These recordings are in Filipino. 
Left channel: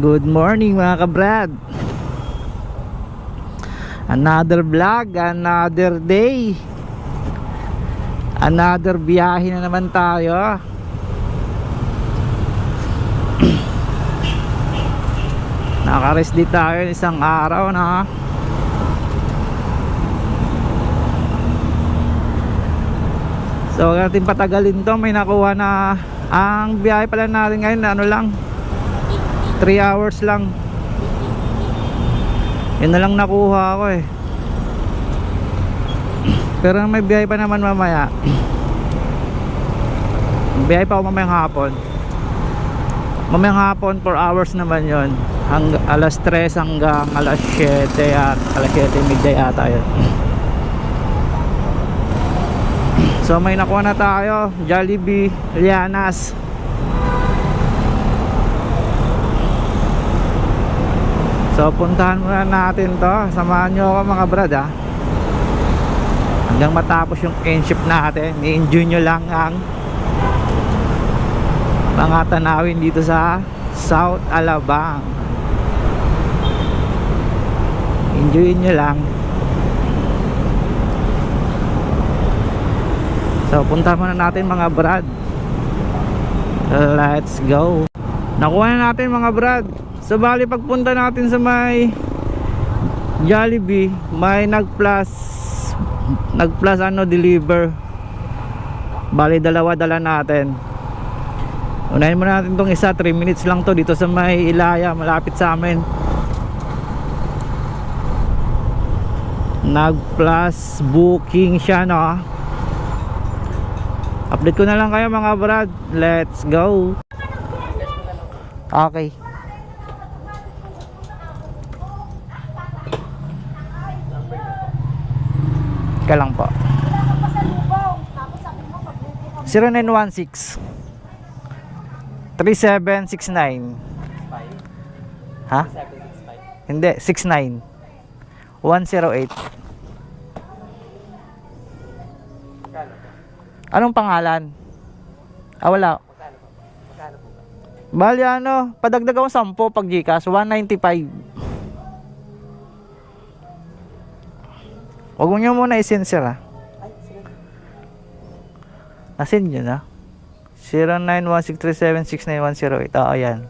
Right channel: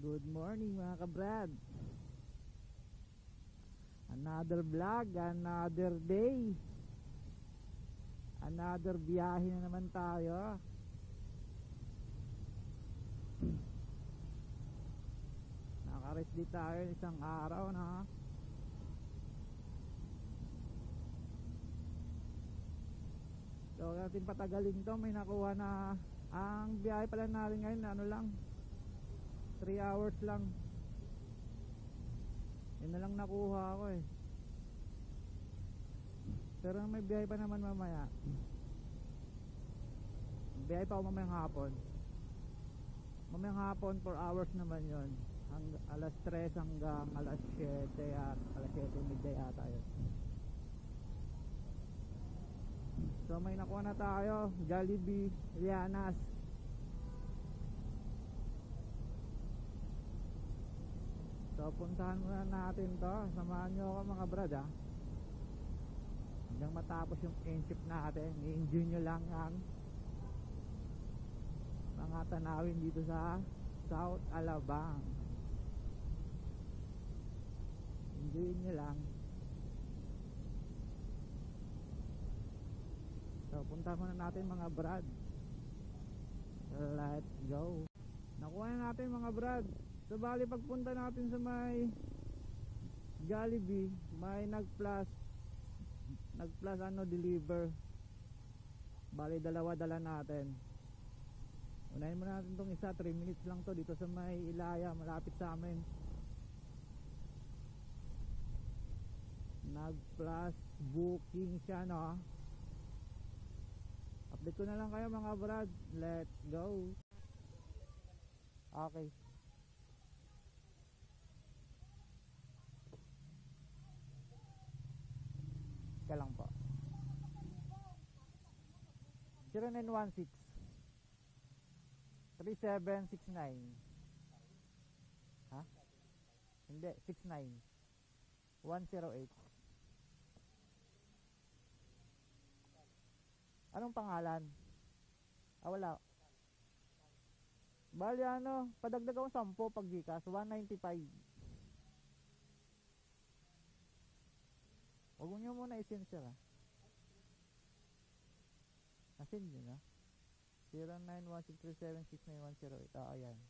Good morning mga kabrad. Another vlog, another day, another biyahe na naman tayo. Naka-rest din tayo isang araw na. So huwag natin patagalin to. May nakuha na. Ang biyahe pala natin ngayon ano lang, 3 hours lang. Yun na lang nakuha ko eh. Pero may biyahe pa naman mamaya. Biyahe pa ako mamayang hapon. Mamayang hapon 4 hours naman yun. Alas 3 hanggang alas 7 at alas 7 midday ata yun. So may nakuha na tayo, Jollibee, Lianas. So puntahan muna natin to. Samahan nyo ako mga brad ha. Hanggang matapos yung kinship natin. I-enjoy nyo lang ang mga tanawin dito sa South Alabang. Enjoy nyo lang. So puntahan muna natin mga brad. Let's go. Nakuha na natin mga brad. So bali pagpunta natin sa may Jollibee, may nag-plus ano deliver. Bali dalawa dala natin. Unahin muna natin tong isa, 3 minutes lang to dito sa may Ilaya, malapit sa amin. Nag-plus booking siya no. Update ko na lang kayo mga brad. Let's go. Okay. Ka lang po. 0916 3769. Ha? Hindi, 69 108. Anong pangalan? Wala. Bali ano, padagdag ako 10 pag GCash, 195. Huwag mo nyo muna i-send sir ha. Na-send nyo na 091637690108. Oo yan.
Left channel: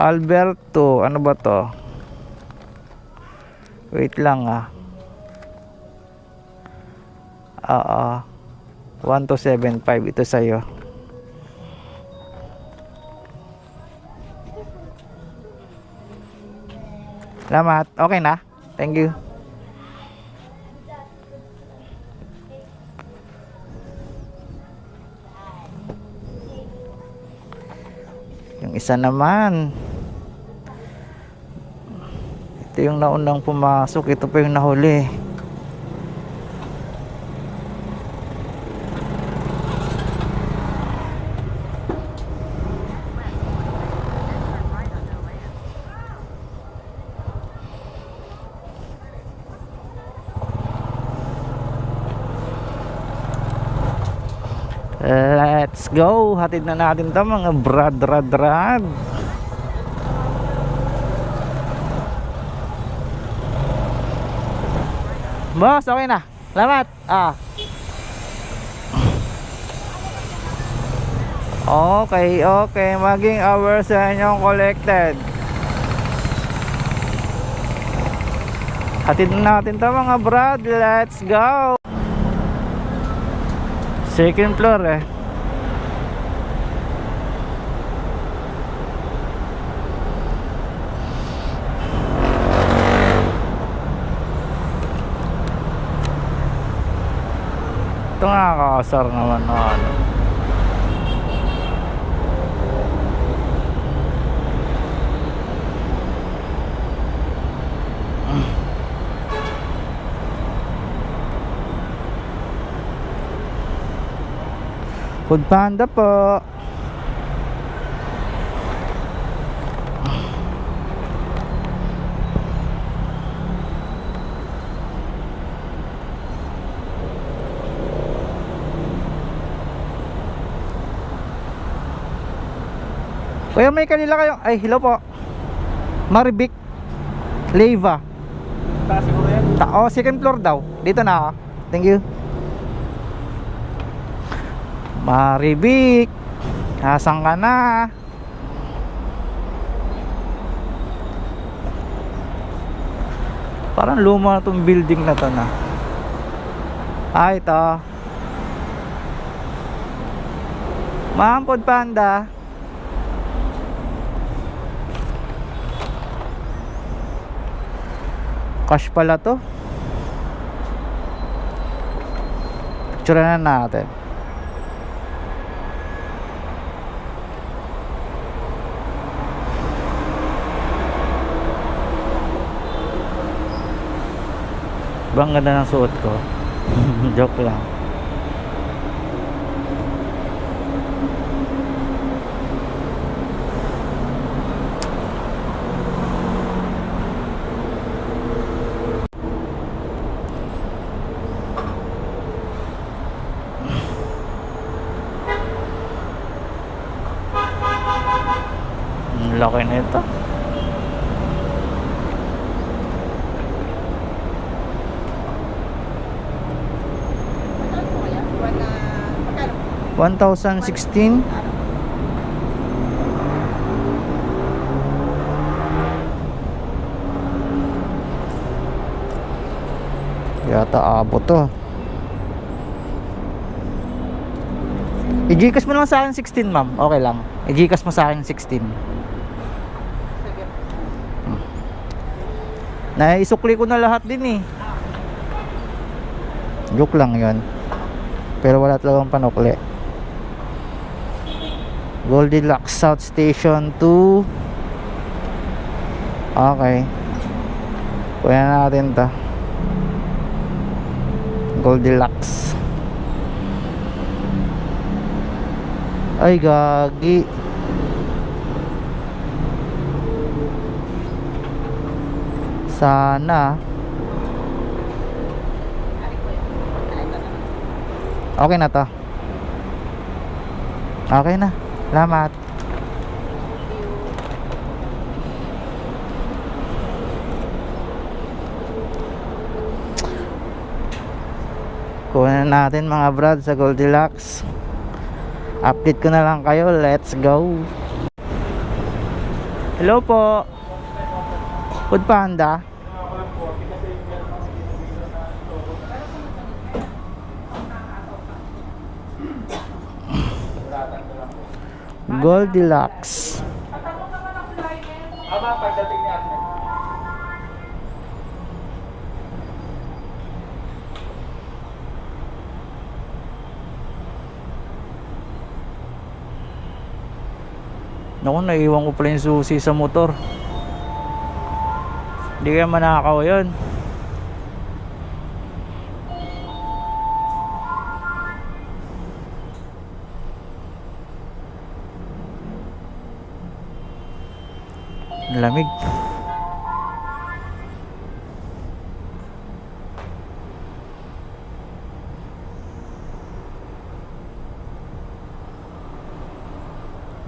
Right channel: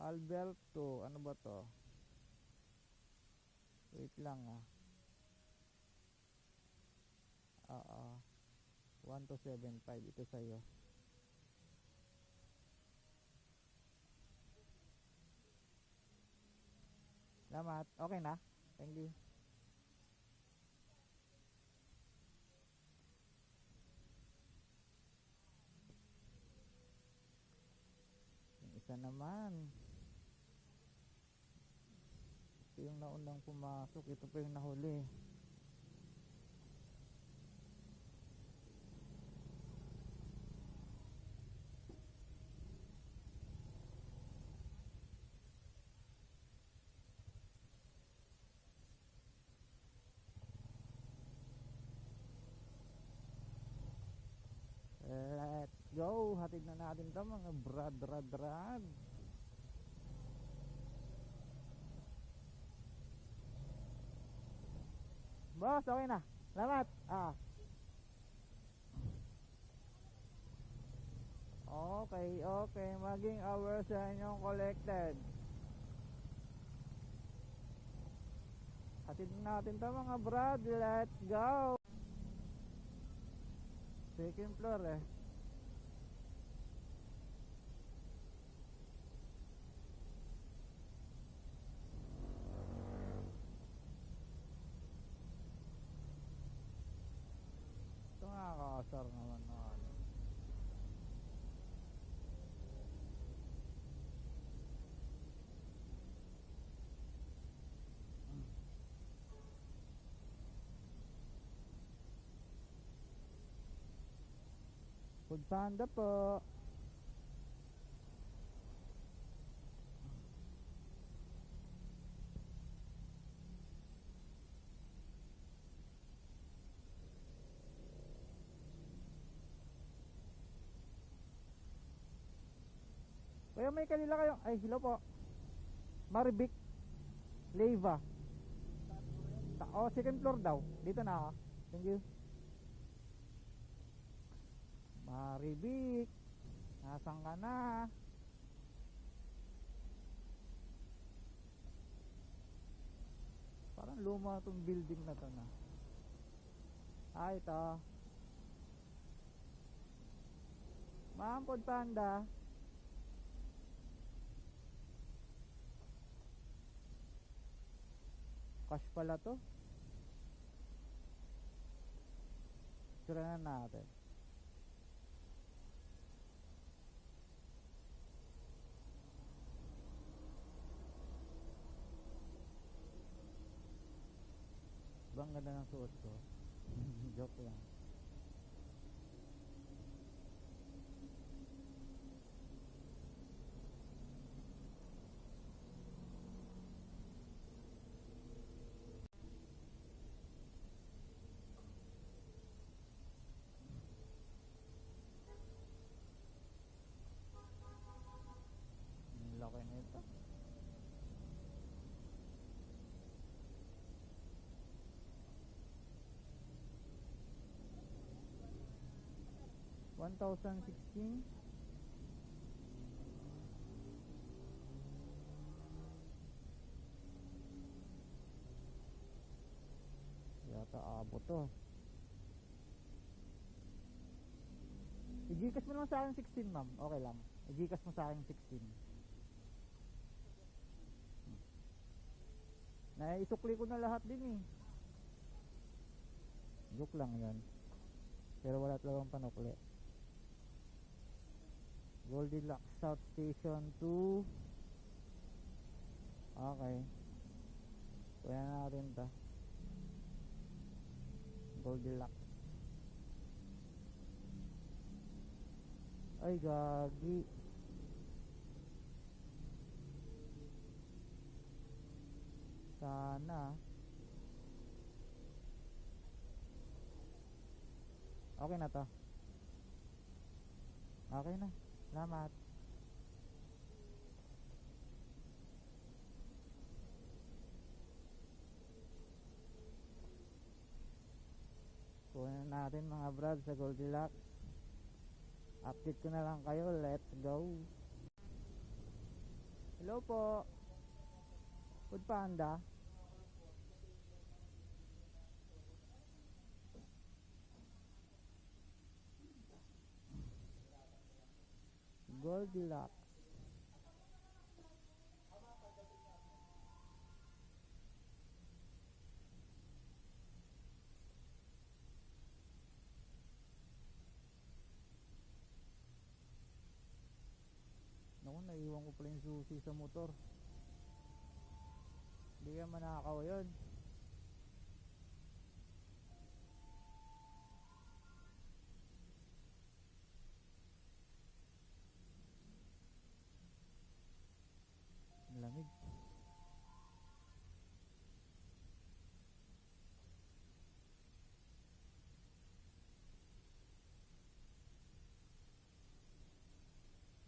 Alberto, ano ba to? Wait lang ah. 1275 ito sa'yo. Salamat. Okay na. Thank you. Yung isa naman. Ito yung naunang pumasok. Ito pa yung nahuli. Let's go. Hatid na natin to mga brad. Boss, okay na. Salamat. Okay. Maging hours sa inyong collected. Hatid na natin to mga brad. Let's go. Second floor eh. Ito nga kakasar naman na ano. Food Panda po. Kuya, may kanila kayo. Ay, hello po. Marivic Leyva. Taas siguro yan. Oh, second floor daw. Dito na ako. Thank you. Marivic, asan ka na? Parang luma na tong building na to na. Ah, ito. Ma'am, Food Panda. Cash pala to. Picture na natin. Bang ganda ng suot ko. Joke lang. Ang laki na ito. $1,016. Yata abot to. I-Gcash mo lang sa akin 16, ma'am. Okay lang. I-Gcash mo sa akin 16. Naisukli ko na lahat din eh. Joke lang yon. Pero wala talagang panukli. Goldilocks South Station 2. Okay. Kuya natin to. Goldilocks. Ay gagi. Sana. Okay na to. Okay na. Salamat. Kunin natin mga brad sa Goldilocks. Update ko na lang kayo. Let's go. Hello po. Food Panda. Goldilocks. Aba, pagdating ni Agnes. Naku, naiwan ko pala yung susi sa motor. Hindi kaya manakaw yun. Lamig.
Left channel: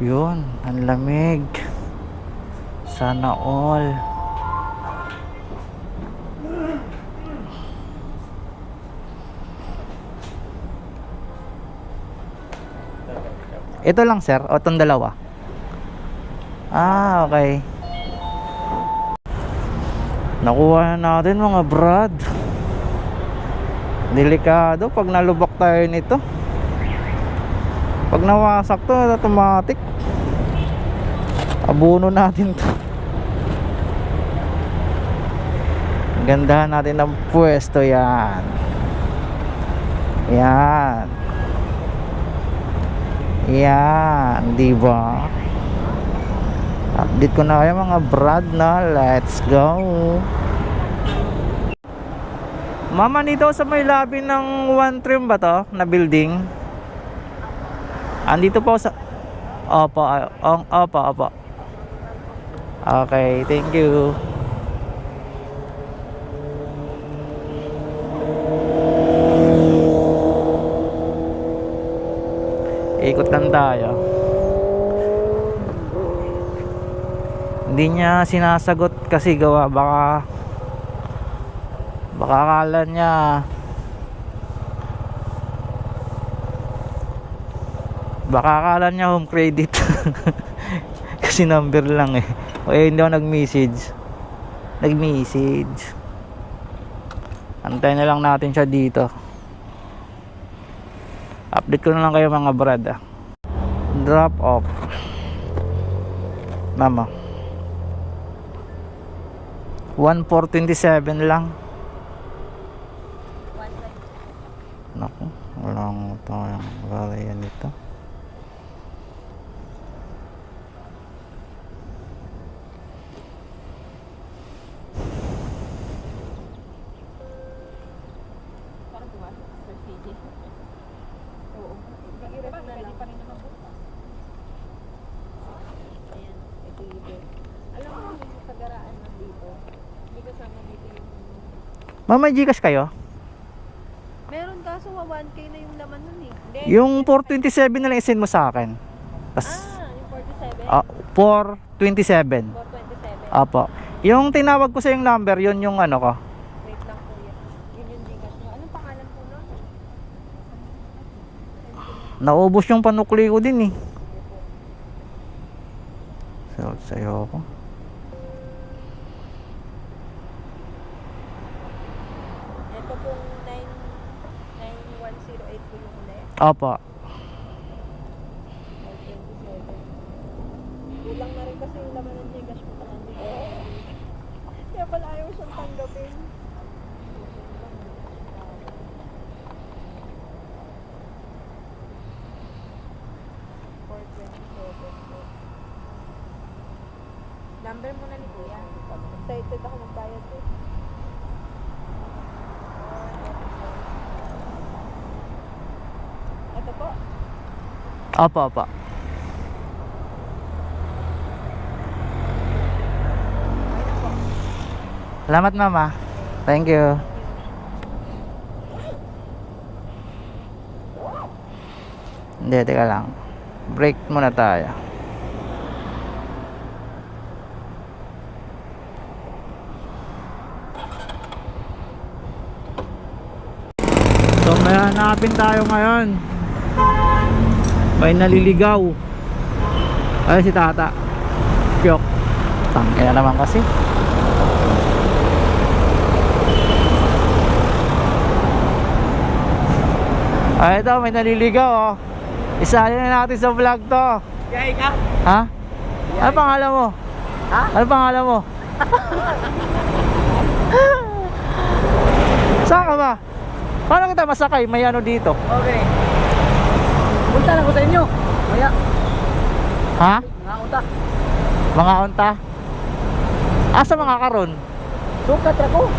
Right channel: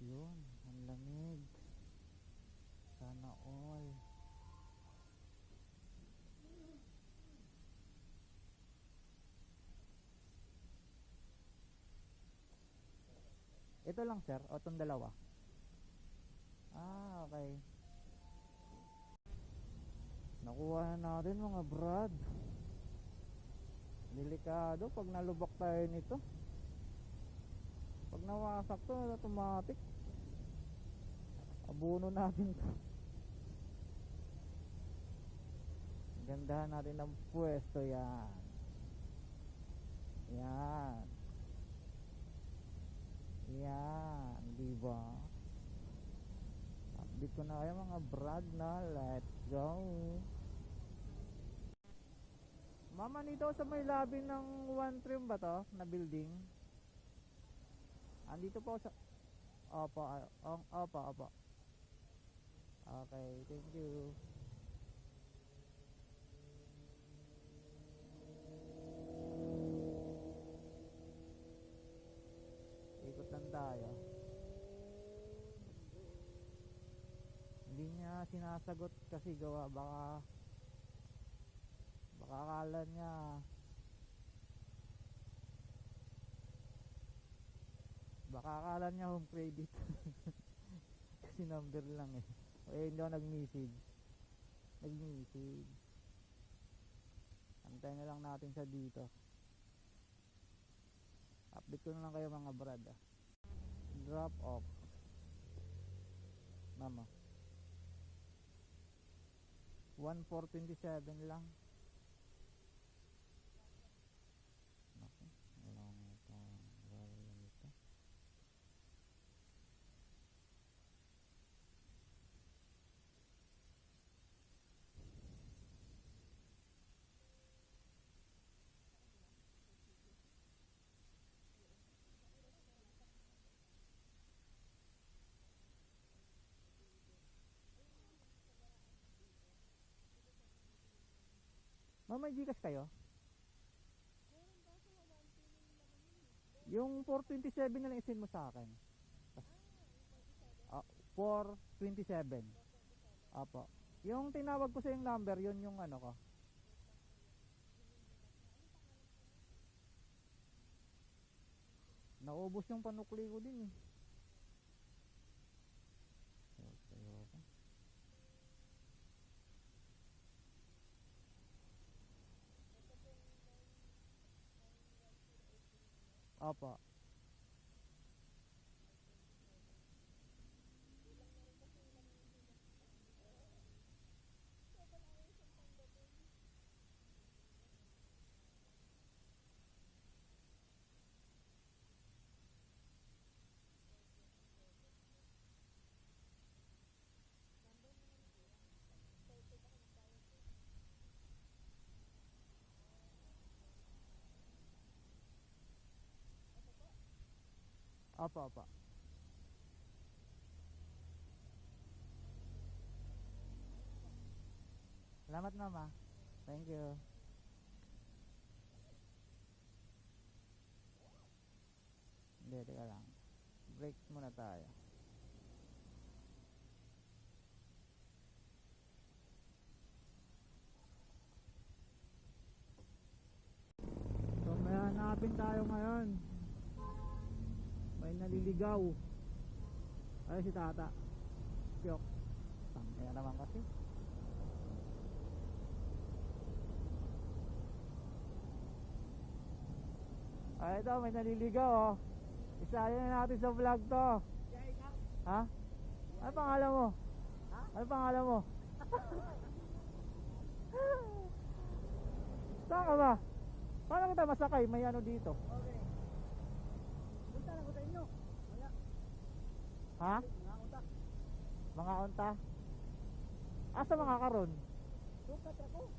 Yun, ang lamig. Sana all. Ito lang sir, o itong dalawa? Ah, okay. Nakuha na natin mga brad. Delikado pag nalubak tayo nito. Pag nawasak to, automatic. Abono natin to. Gandahan natin ang pwesto yan. Yan. Yan, diba? Update ko na kayo mga brad na. Let's go. Mama, nito sa may lobby ng One Trim ba to? Na building? Andito po sa... Opo, opo. Okay, thank you. Ikot lang tayo. Hindi niya sinasagot kasi gawa baka akala niya home credit. Kasi number lang eh. O hindi ako nag-message. Antayin na lang natin siya dito. Update ko na lang kayo mga brad ah. Drop off mama 1427 lang. Naku, walang tayong varian nito. Mama, Gcash kayo? Meron kaso 1K na yung laman nun eh. Hindi. Yung 427 na lang isend mo sa akin. Tas, Yung 47? 427. 427. Apo. Yung tinawag ko sa yung number, yun yung ano ko. Wait lang kuya. Yun yung Gcash nyo. Anong pangalan po nun? Naubos yung panukli ko din eh. So, sa'yo ako. Ito pong 99108 po yung ulit. Apo. 427. Kulang na rin kasi yung laman ng Gcash mo pa nandito. Kaya pala ayaw siyang tanggapin. Number mo na ni Kuya. Excited ako magbayad eh. Ito po. Apo. Salamat mama. Thank you. Hindi, teka lang. Break muna tayo. So may hanapin tayo ngayon. May naliligaw. Ay si tata. Piyok. Tangin na naman kasi. Ay ito, may naliligaw oh. Isali na natin sa vlog to. Yay ka? Ha? Ano pangalan mo? Ha? Ano pangalan mo? Saan ka ba? Paano kita masakay? May ano dito? Okay. Punta lang ko sa inyo. Maya. Ha? Mga unta. Mga unta? Asa mga karon? Sukat ako.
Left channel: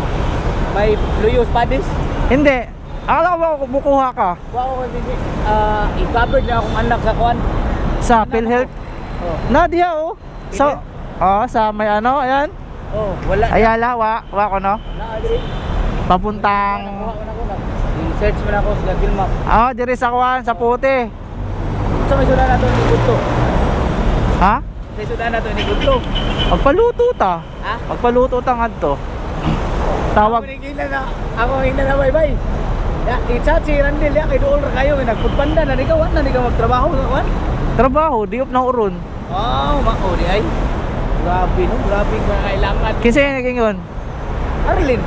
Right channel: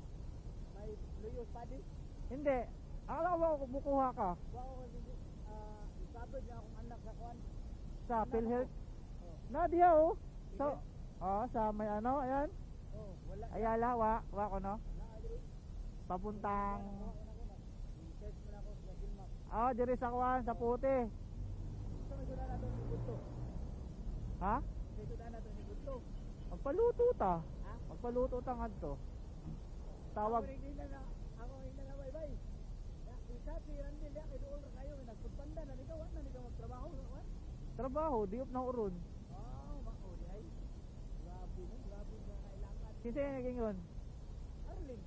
May luyos padis. Hindi. Akala ko ba kumukuha ka? Wa ko kasi i-covered na akong anak sa kuan. Sa PhilHealth? Oh. Nadia oh. Sa sa may ano, ayan. Oh, wala. Ayala, wa ko no. Na diri. Papuntang I-search mo na ako sa Google Map. diri sa kuan sa puti. Sa may sudan nato ni Gudlo. Ha? Sa sudan nato ni Gudlo. Pagpaluto ta. Ha? Pagpaluto ta ngadto. Tawag. Ako hindi na bye-bye. Ya, i-chat si Randel ya kay dool ra kayo nagputpanda na ni ka magtrabaho sa kuan. Trabaho, diop na uron. Oh, mao di ay. Grabe no, grabe nga kailangan. Kinsa yung naging yun? Arlin.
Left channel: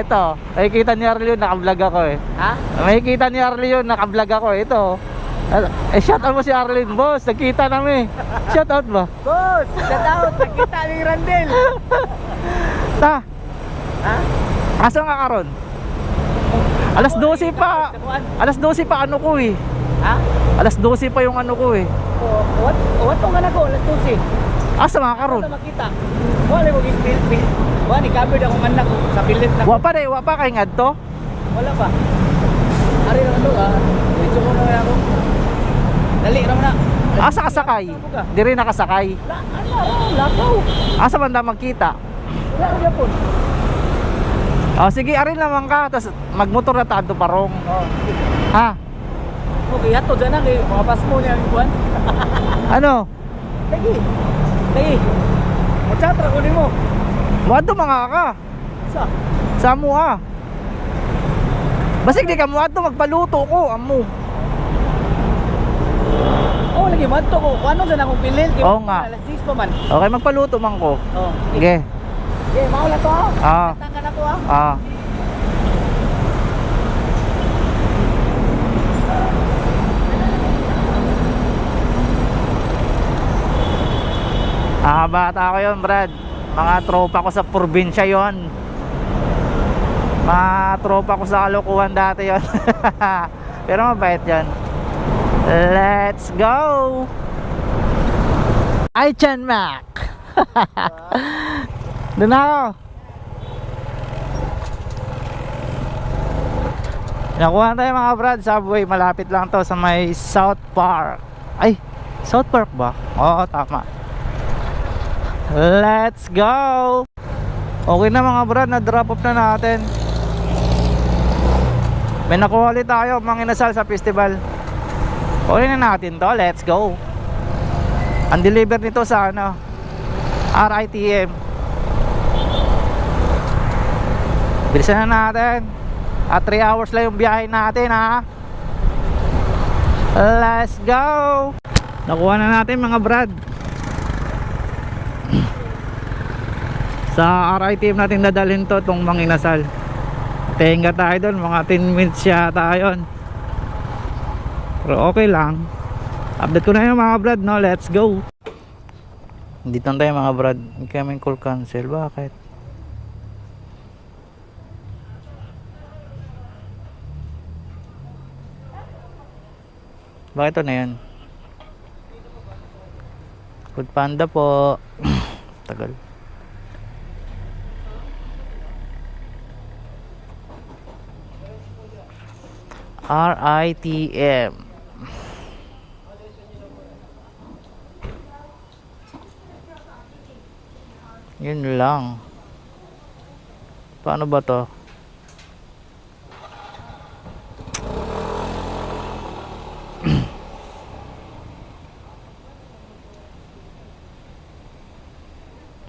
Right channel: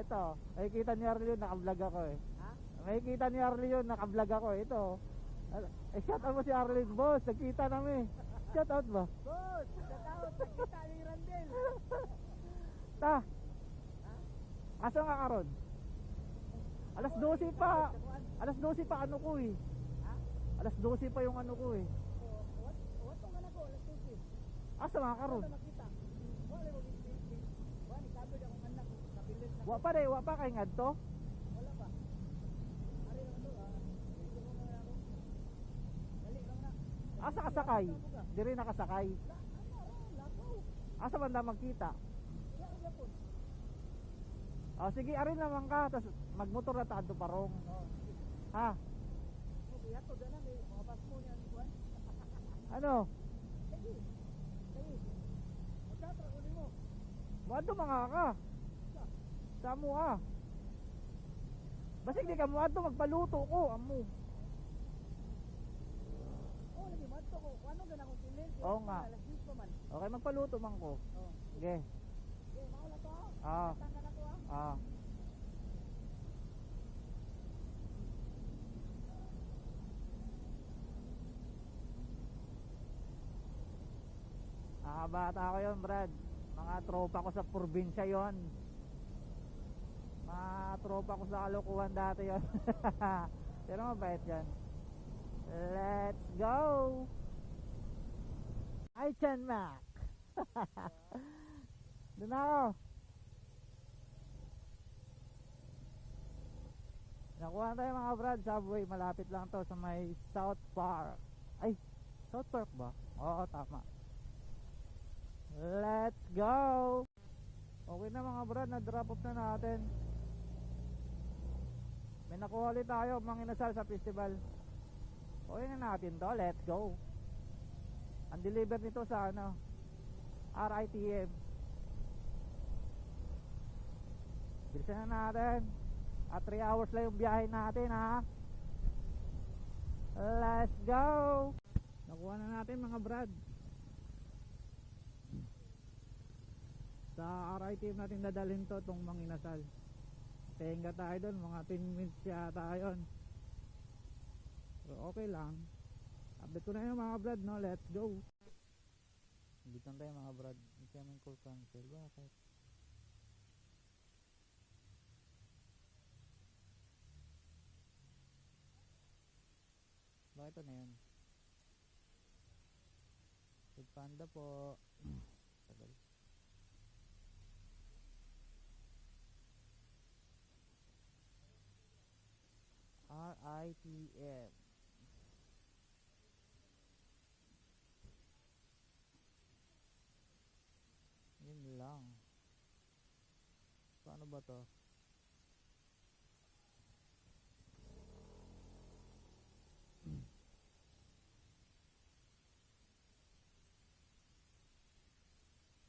Ito. Nakikita ni Arlene yun, naka-vlog ako eh. Ha? Nakikita ni Arlene yun, naka-vlog ako eh. Ito. Shout out mo si Arlene, boss. Nagkita namin. Shout out ba? Boss, shout out nakita ni Randel. Ta, Ha? asa nga karon? Alas 12 pa. Alas 12 pa ano ko eh. Ha? Alas 12 pa yung ano ko eh. Oh, what tong anak ko, alas 12. Asa mga karon? Ano makita? Wala mo gispil. Wala ni covered akong anak ko sa pilit na. Wa pa kay ngadto. Wala pa. Ari na to Dito mo na ako. Dali ra mo na. Asa ka sakay? Diri nakasakay. Lakaw. Asa man da magkita? Wala ra po. Sige, arin naman ka. Tapos magmotor na tayo parong. Oh. Ha? Okay, hato dyan na kay mga pas mo niya ang kuwan. Ano? Lagi. Lagi. Magsatra ko ni mo. Muadto mga ka. Sa? Sa mo ah. Basig di ka muadto magpaluto ko amo. Oh, lagi manto ko. Ano sa akong pilil? Oo nga. Alas 10 pa man. Okay, magpaluto man ko. Oh. Sige. Okay, maula to ah. Ah. Tangka na to ah. Ah. Bata ko yun, Brad. Mga tropa ko sa probinsya yon. Mga tropa ko sa Kalokohan dati yon. Pero mabait yan. Let's go! Ay, Chan Mac! Doon ako. Nakuha tayo mga Brad. Subway, malapit lang to sa may South Park. Ay, South Park ba? Oo, tama. Let's go! Okay na mga Brad, na-drop off na natin. May nakuha ulit tayo, mga inasal sa festival. Okay na natin to, let's go. Ang deliver nito sa ano, RITM. Bilisan na natin. At 3 hours lang yung biyahe natin ha. Let's go! Nakuha na natin mga Brad. Sa RITM natin dadalhin to, itong mga inasal. Tenga tayo doon, mga 10 minutes yata yun. Pero okay lang. Update ko na yun mga Brad, no? Let's go. Dito na tayo mga Brad. Incoming call cancel. Bakit? Bakit ito na yun? Food Panda po. Tagal. RITM. Yun lang. Paano ba to?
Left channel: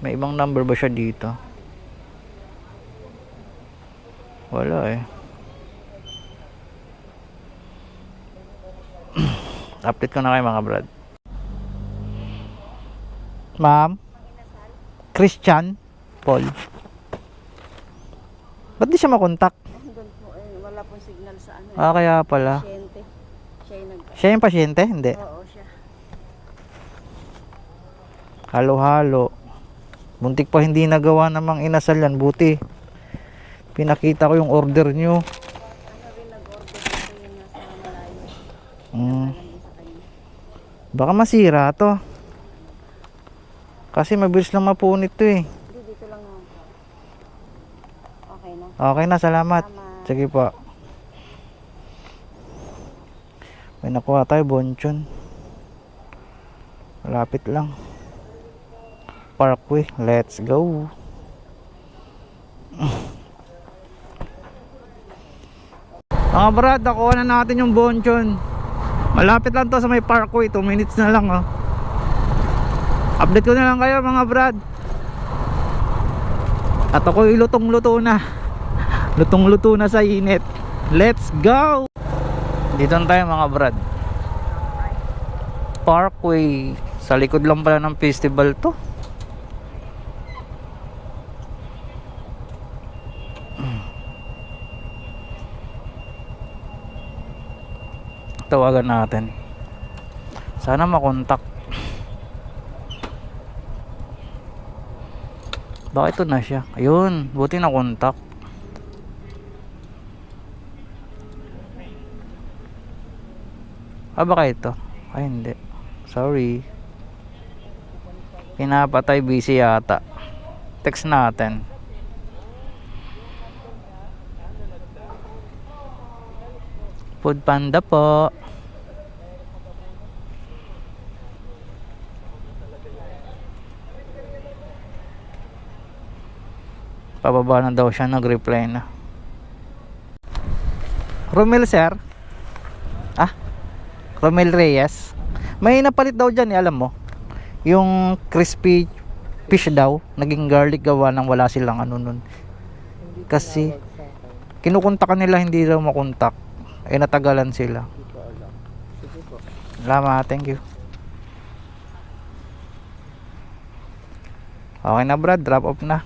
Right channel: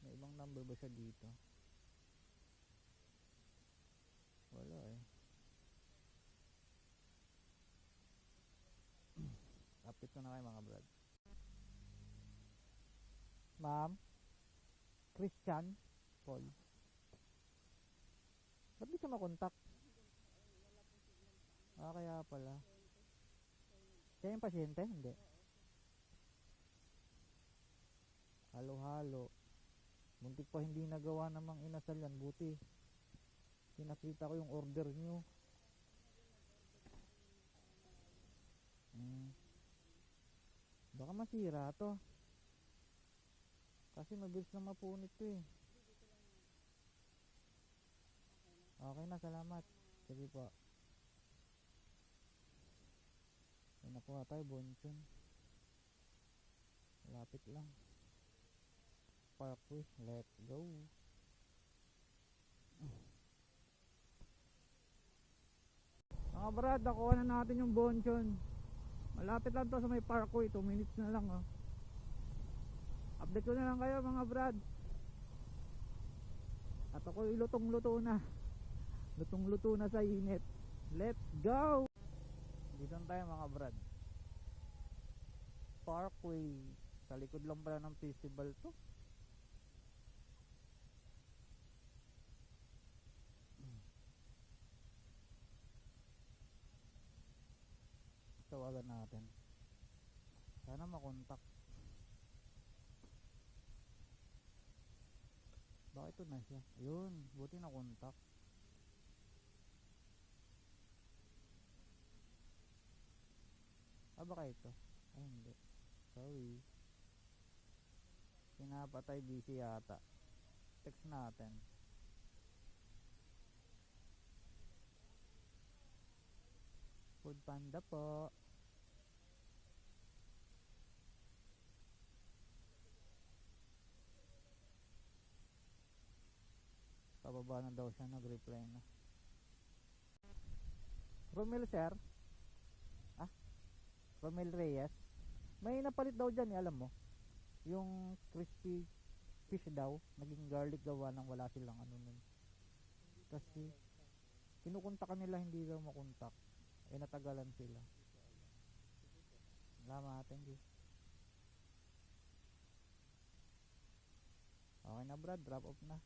May ibang number ba siya dito? Wala eh. Update ko na kayo mga Brad. Ma'am? Christian? Paul? Ba't di siya makontak? Doon po, wala pong signal sa ano. Kaya pala. Pasyente. Siya yung Siya yung pasyente? Hindi. Oo, siya. Halo-halo. Muntik pa hindi nagawa namang inasal yan. Buti. Pinakita ko yung order nyo. Ano rin nag-order dito yung nasa malayo. Mm. Sa kanya. Baka masira to. Kasi mabilis lang mapunit to eh. Hindi, dito lang naman po. Okay na. Okay na, salamat. Salamat. Sige po. May nakuha tayo, bonchon. Malapit lang. Parkway, let's go. Mga Brad, nakuha na natin yung bonchon. Malapit lang to sa may Parkway, 2 minutes na lang oh. Update ko na lang kayo mga Brad. At ako'y lutong-luto na. Lutong-luto na sa init. Let's go! Dito na tayo mga Brad. Parkway. Sa likod lang pala ng festival to. Tawagan natin. Sana makontak. Bakit ito na siya? Ayun, buti na kontak. Baka ito? Ay hindi. Sorry. Pinapatay, busy yata. Text natin. Food Panda po. Pababa na daw siya, nag-reply na. Romel sir? Romel Reyes? May napalit daw dyan alam mo. Yung crispy fish daw, naging garlic gawa nang wala silang ano nun. Kasi kinukontak nila, hindi daw makontak. Eh natagalan sila. Salamat, thank you. Okay na Brad, drop off na.